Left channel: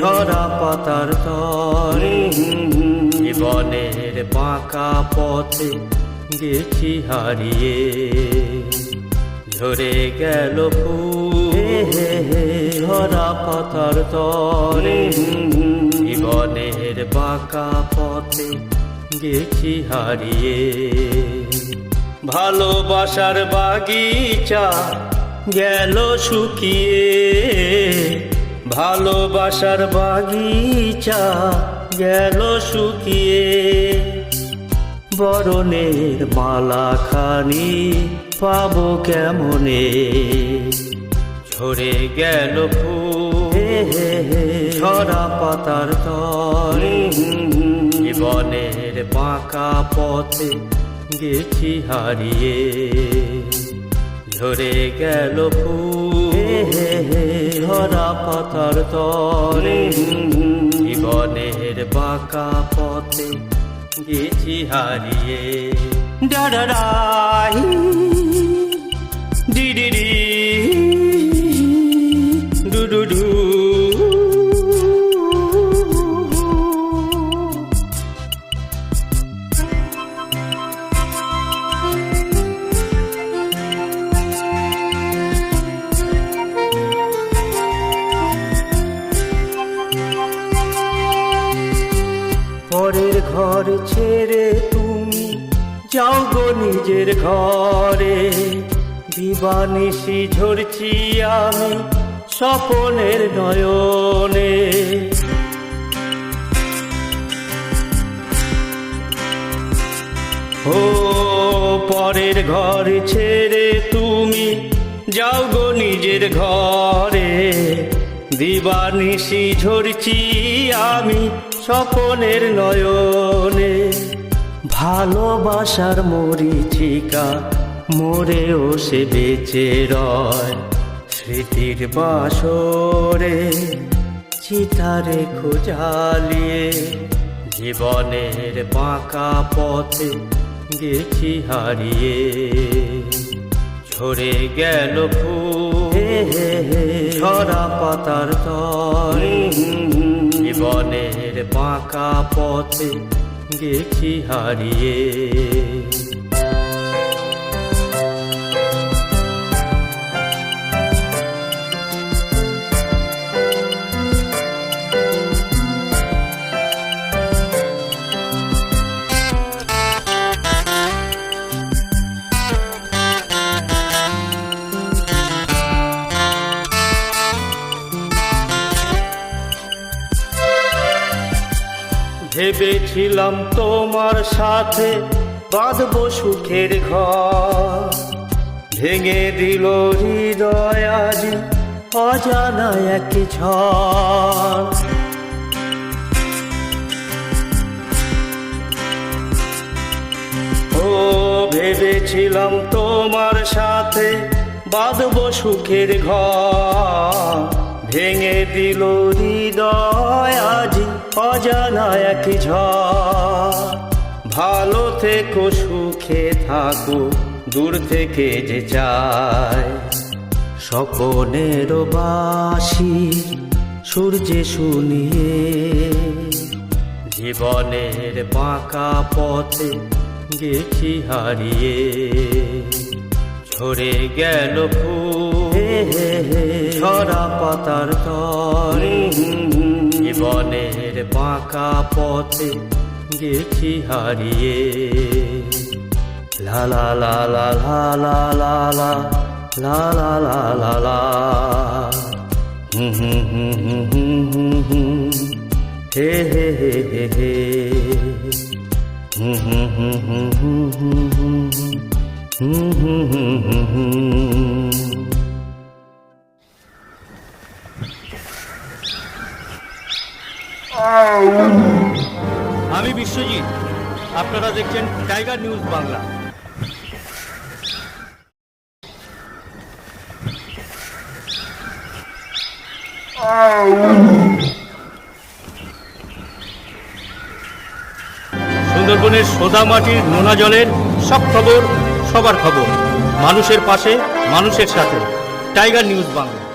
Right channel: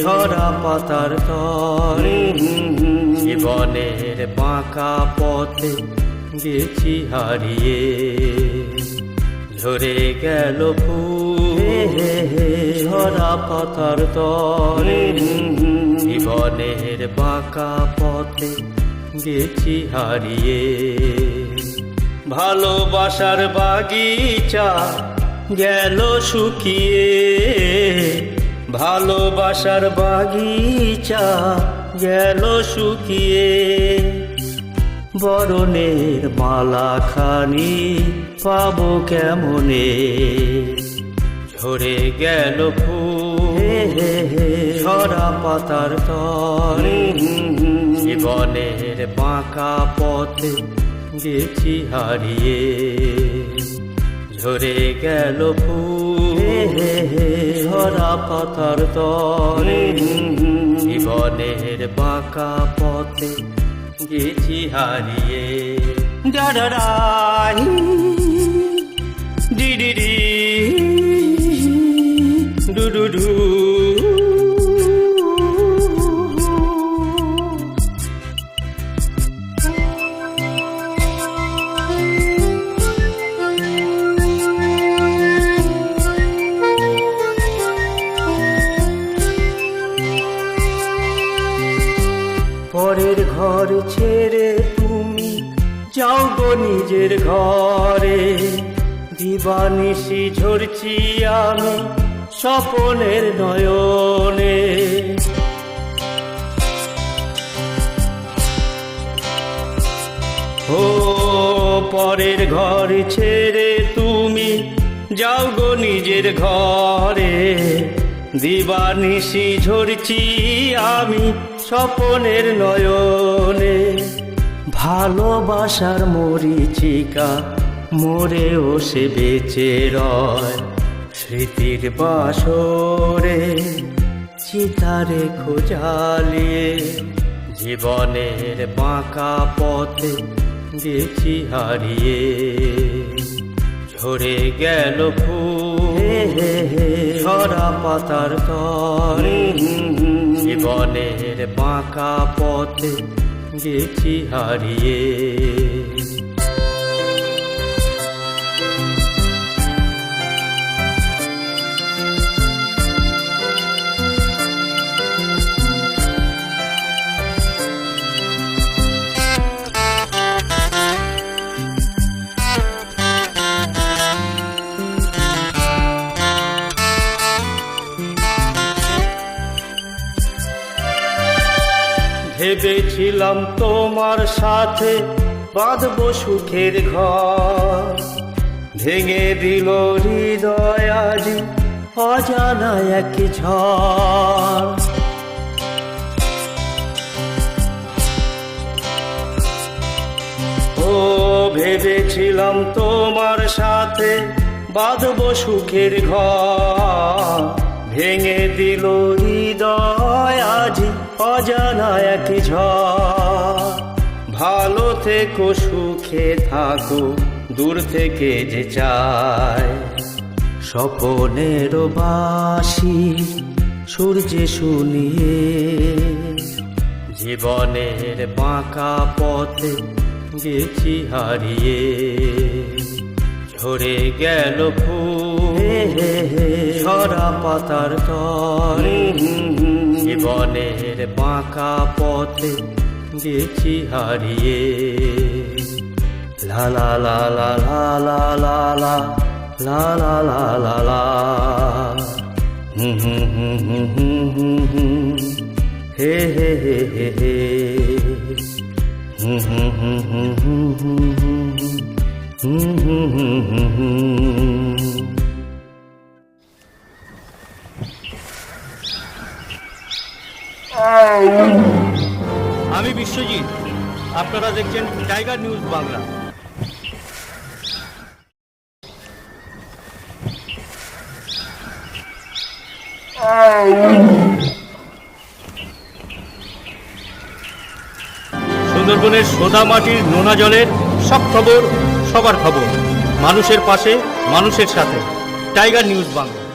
ছড়া পাতার তল। জীবনের বাঁকা পথে গেছি হারিয়ে। ধরে গেল ছড়া পাতার তল। জীবনের বাঁকা পথে গেছি হারিয়ে। ভালোবাসার বাগিচা গেল শুকিয়ে ভালোবাসার বাগিচা গেল শুকিয়ে বরণের মালা খানি পাবো কেমনে? ঝরে গেল ছড়া পাতার তল জীবনের বাঁকা পথে গেছি হারিয়ে। ঝরে গেল ধরা পাতার তল জীবনের বাঁকা পথে গেছি হারিয়ে। ডারারাই নিজের ঘরে দিবানিশি ঝরছি আমি স্বপনের নয়নে। ও পরের ঘর ছেড়ে তুমি যাও গো নিজের ঘরে। দিবানিশি ঝরছি আমি স্বপনের নয়নে। ভালোবাসার মরিচিকা, মরেও সে বেঁচে রয়। স্মৃতির বাসরে, চিতারে খোঁজালিয়ে জীবনের বাঁকা পথে গেছি হারিয়ে। ঝরে গেল ছড়া পাতার তল জীবনের বাঁকা পথে গেছি হারিয়ে। ভেবেছিলাম তোমার সাথে বাঁধব সুখের ঘর। ভেঙে দিল হৃদয় আজ অজানা একই ঝড়। ও, ভেবেছিলাম তোমার সাথে বাঁধব সুখের ঘর। ভেঙে দিল হৃদয় আজ অজানা এক ভালো থেকো, সুখে থাকো, দূর থেকে যে চায় স্বপনের বাসি সূর্যে শুনিয়ে জীবনের বাঁকা পথে গেছি হারিয়ে ঝরে গেল ছড়া পাতার তল জীবনের বাঁকা পথে গেছি হারিয়ে লা লা লা লা লা লা লা লা লা লা লা লা লা হুম হুম হুম হুম হুম হুম হুম হে হে হে হে হে হুম হুম হুম হুম হুম হুম আমি বিশ্বজিৎ। আপনারা দেখছেন টাইগার নিউজ বাংলা। সুন্দরবনের সোদা মাটির নোনা জলের সব খবর সবার খবর। মানুষের পাশে মানুষের সাথে। Tiger news Bangla.